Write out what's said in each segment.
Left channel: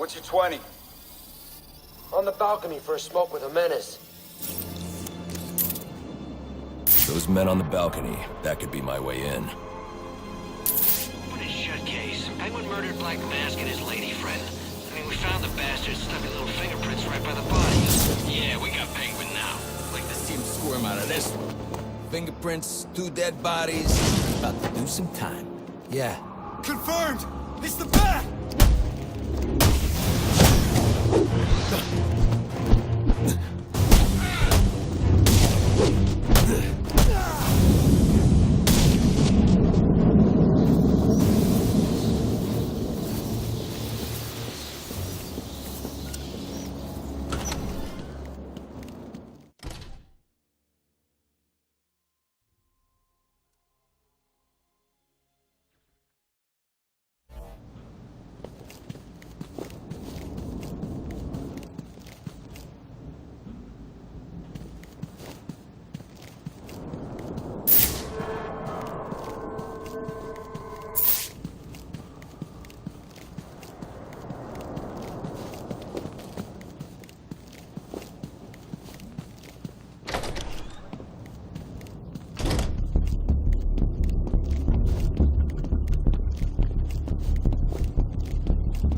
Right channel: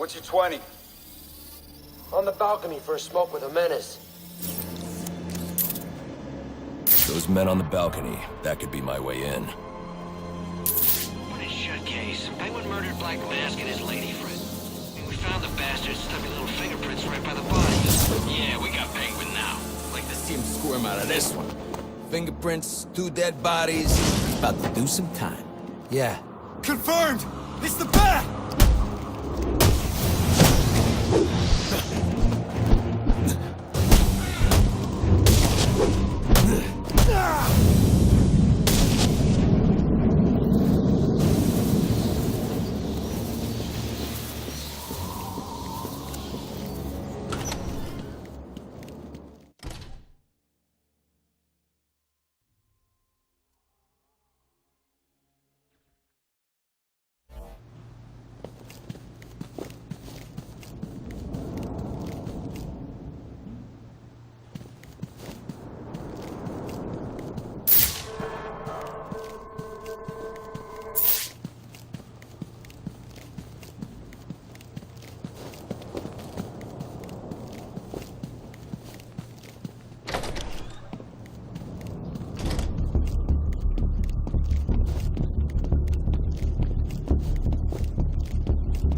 What's your 20? On the balcony for a smoke with a menace. Those men on the balcony, that could be my way in. Open his shut case. Penguin murdered Black Mask and his lady friend. I mean, we found the bastard stuffing little fingerprints right by the body. Yeah, we got Penguin now. Like to see him squirm out of this one. Fingerprints, 2 dead bodies. He's about to do some time. Yeah. Confirmed! It's the bat!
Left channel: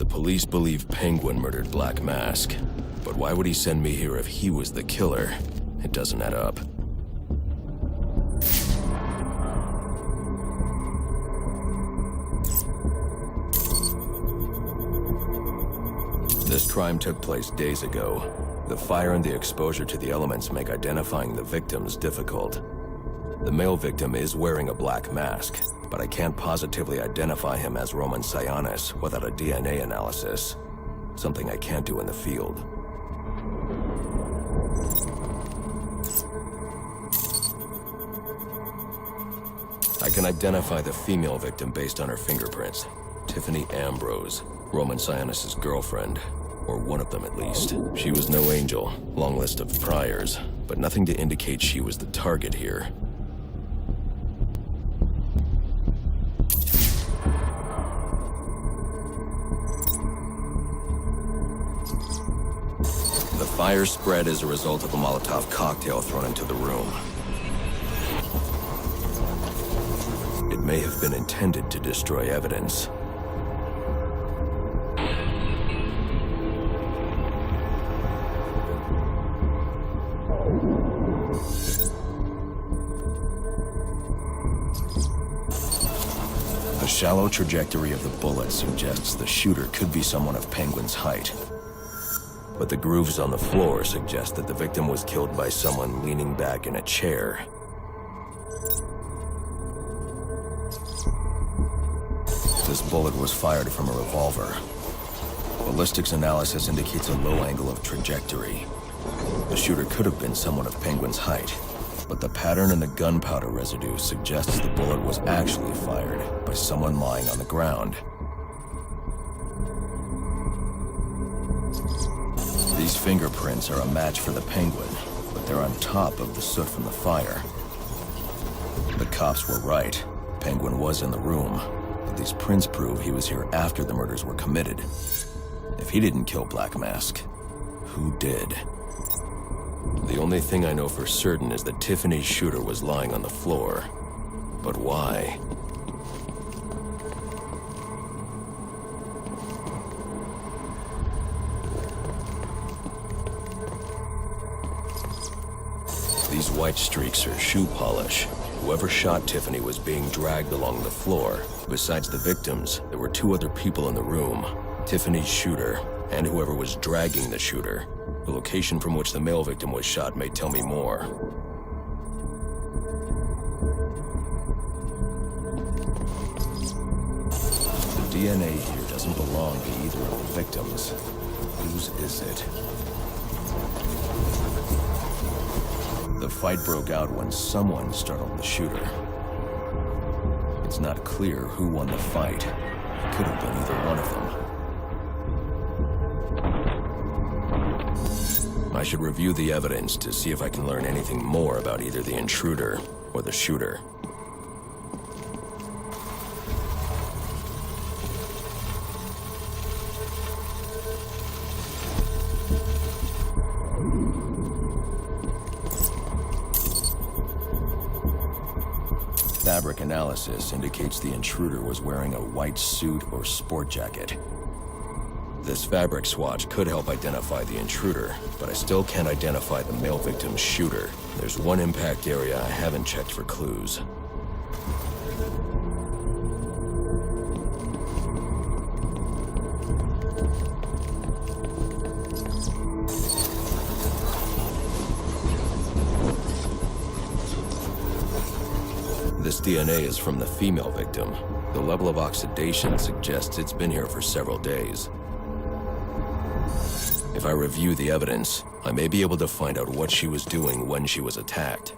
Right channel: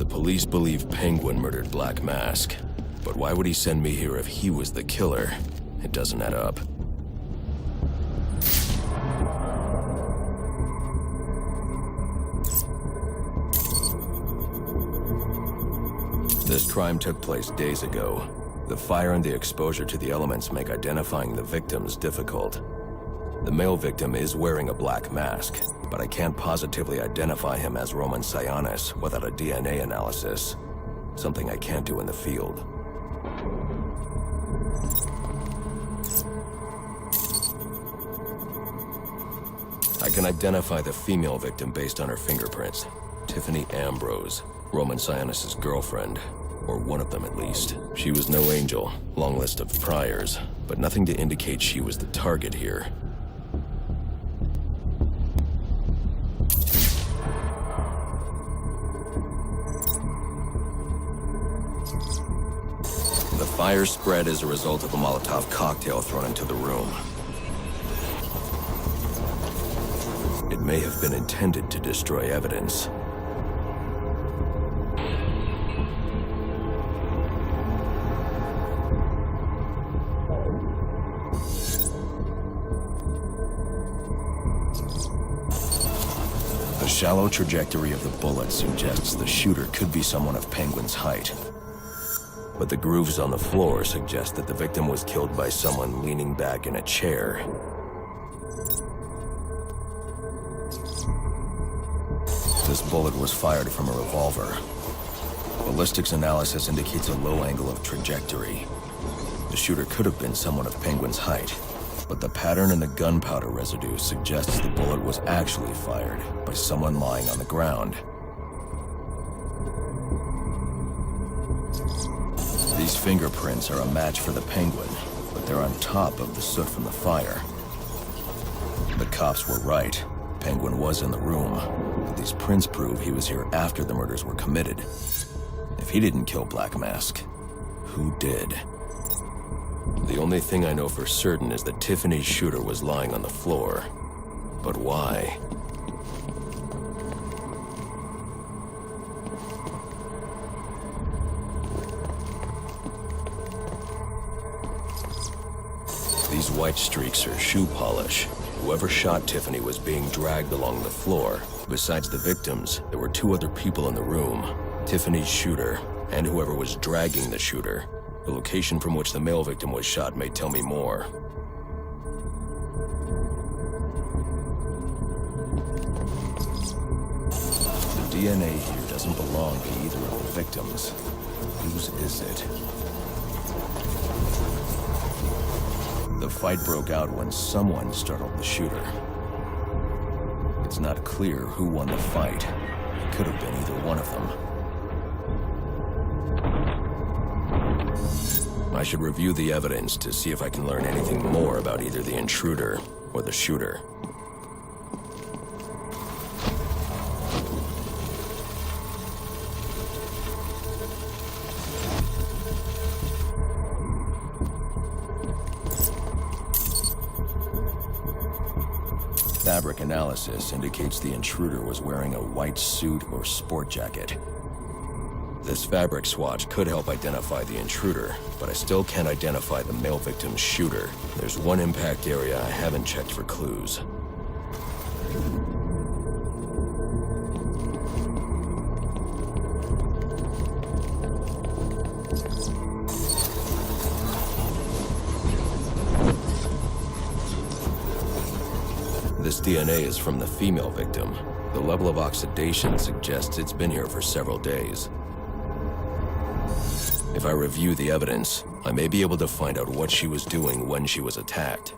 Police believe Penguin murdered Black Mask, but why would he send me here if he was the killer? It doesn't add up. This crime took place days ago. The fire and the exposure to the elements make identifying the victims difficult. The male victim is wearing a black mask, but I can't positively identify him as Roman Sionis without a DNA analysis. Something I can't do in the field. I can identify the female victim based on her fingerprints. Tiffany Ambrose, Roman Sionis' girlfriend, or one of them at least. She was no angel, long list of priors, but nothing to indicate she was the target here. The fire spread as a result of a Molotov cocktail thrown into the room. It may have been intended to destroy evidence. The shallow trajectory of the bullet suggests the shooter could be someone of Penguin's height. But the grooves on the floor suggest that the victim was killed by someone leaning back in a chair. This bullet was fired from a revolver. Ballistics analysis indicates a low angle of trajectory. The shooter could have been someone of Penguin's height, but the pattern in the gunpowder residue suggests the bullet was actually fired by someone lying on the ground. These fingerprints are a match for the Penguin, but they're on top of the soot from the fire. The cops were right. Penguin was in the room, but these prints prove he was here after the murders were committed. If he didn't kill Black Mask, who did? The only thing I know for certain is that Tiffany's shooter was lying on the floor. But why? These white streaks are shoe polish. Whoever shot Tiffany was being dragged along the floor. Besides the victims, there were 2 other people in the room. Tiffany's shooter, and whoever was dragging the shooter. The location from which the male victim was shot may tell me more. The DNA here doesn't belong to either of the victims. Whose is it? The fight broke out when someone startled the shooter. It's not clear who won the fight. It could have been either one of them. I should review the evidence to see if I can learn anything more about either the intruder or the shooter. fabric analysis indicates the intruder was wearing a white suit or sport jacket. This fabric swatch could help identify the intruder, but I still can't identify the male victim's shooter. There's one impact area I haven't checked for clues. This DNA is from the female victim. The level of oxidation suggests it's been here for several days. If I review the evidence, I may be able to find out what she was doing when she was attacked.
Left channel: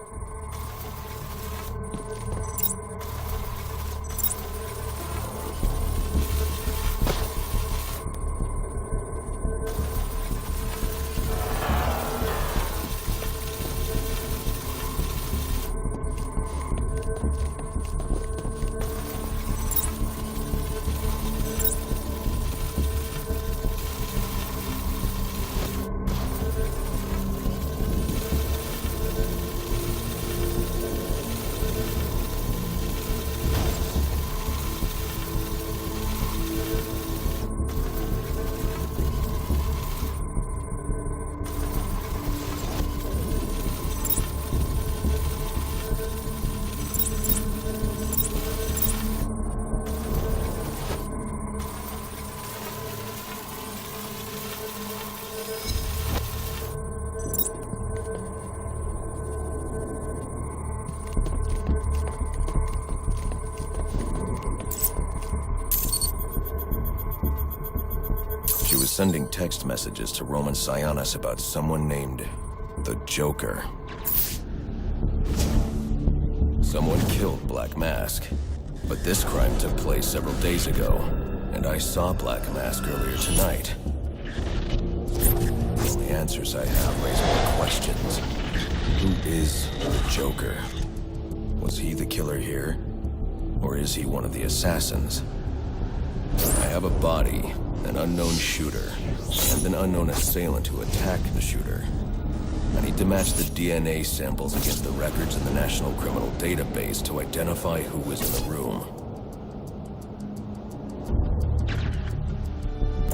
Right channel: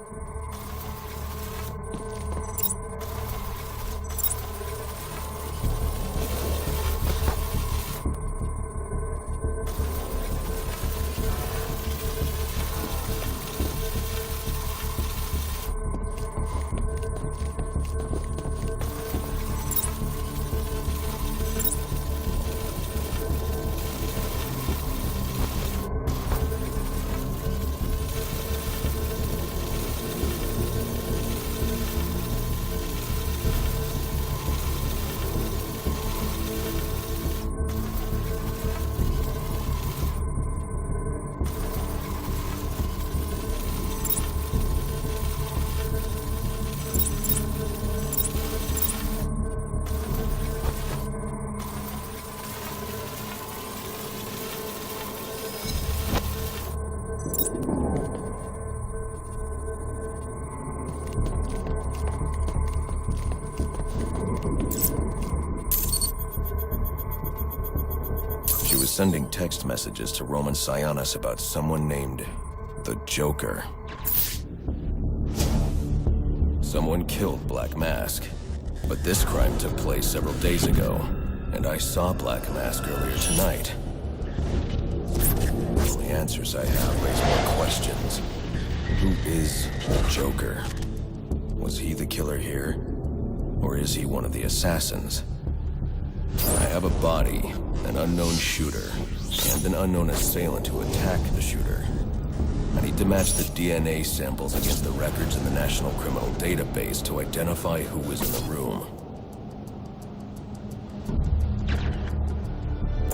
She was sending text messages to Roman Sionis about someone named the Joker. Someone killed Black Mask, but this crime took place several days ago, and I saw Black Mask earlier tonight. The only answers I have raise more questions. Who is the Joker? Was he the killer here? Or is he one of the assassins? I have a body, an unknown shooter, and an unknown assailant who attacked the shooter. I need to match the DNA samples against the records in the National Criminal Database to identify who was in the room.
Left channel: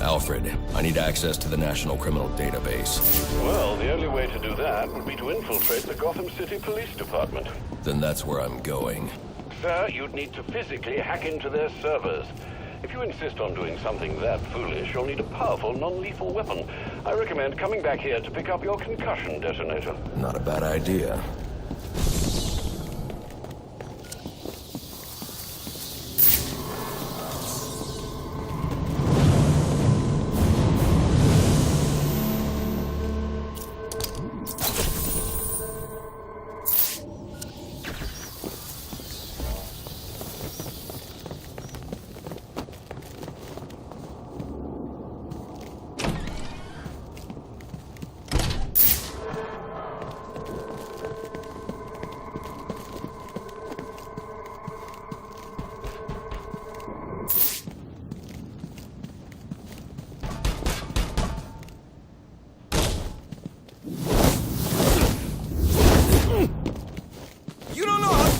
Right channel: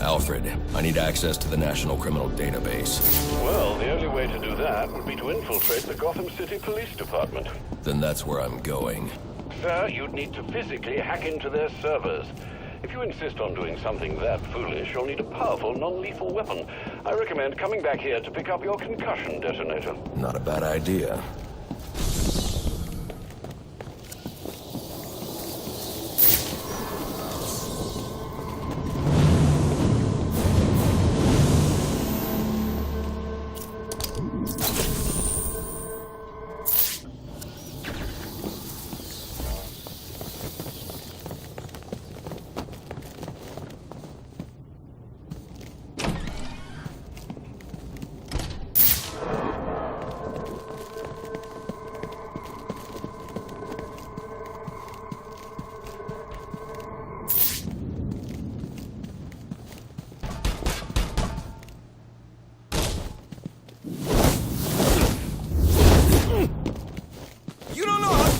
Alfred, I need access to the National Criminal Database. Well, the only way to do that would be to infiltrate the Gotham City Police Department. Then that's where I'm going. Sir, you'd need to physically hack into their servers. If you insist on doing something that foolish, you'll need a powerful, non-lethal weapon. I recommend coming back here to pick up your concussion detonator. Not a bad idea. You don't know how...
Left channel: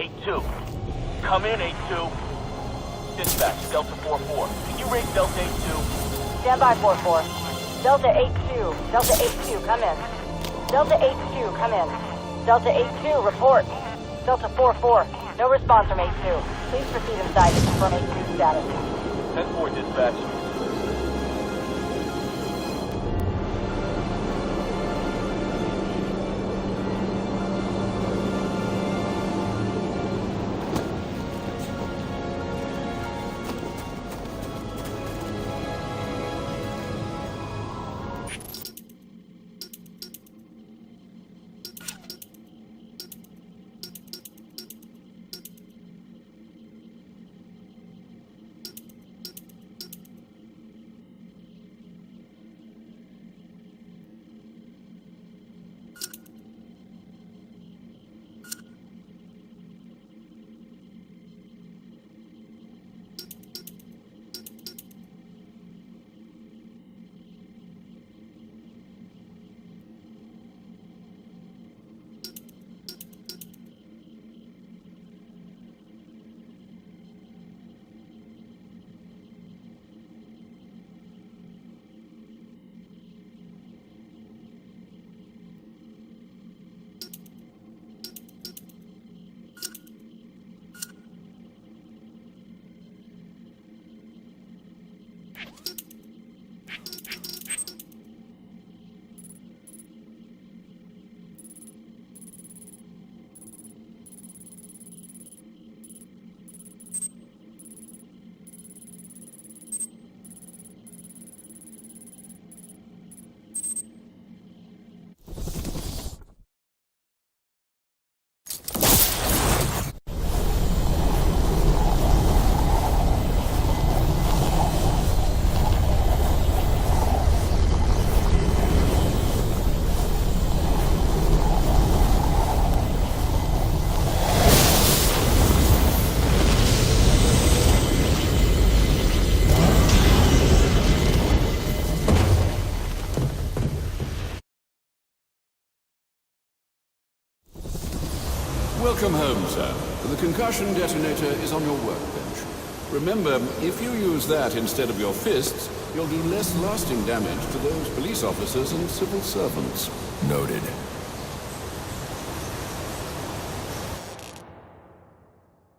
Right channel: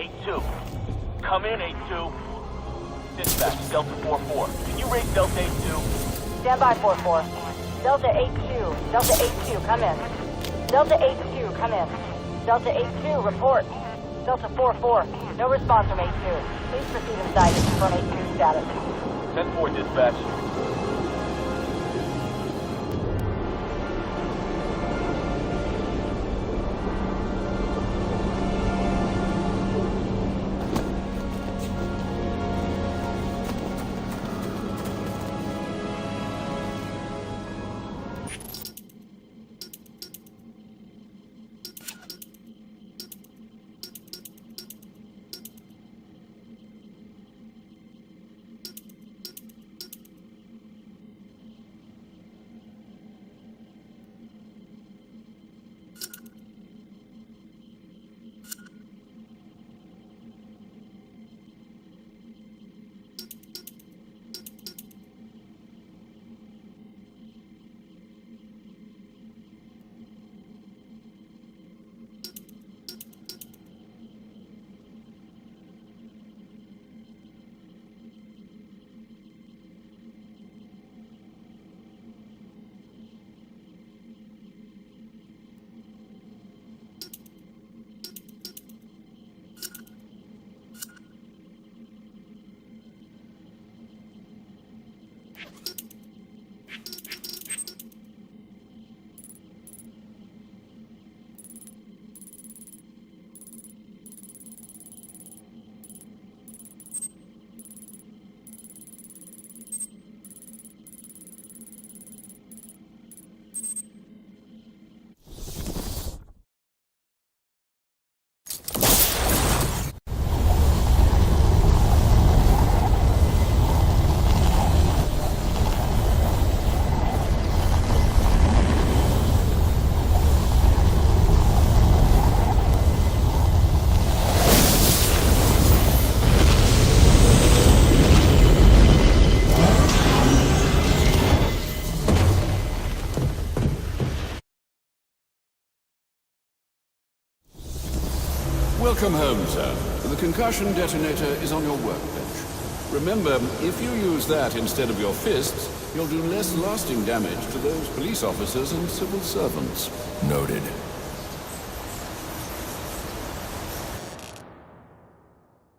S.I.T. Come in, S.I.T. Dispatch, Delta 4-4. Can you raise Delta 82? Stand by 4-4. Delta 82. Delta 82, come in. Delta 82, come in. Delta 82, report. Delta 4-4. No response from 82. Please proceed inside to confirm 82 status. 10-4, dispatch. Welcome home, sir. The concussion detonator is on your workbench. Remember, if you use that instead of your fists, you'll do less lasting damage to those police officers and civil servants. Noted.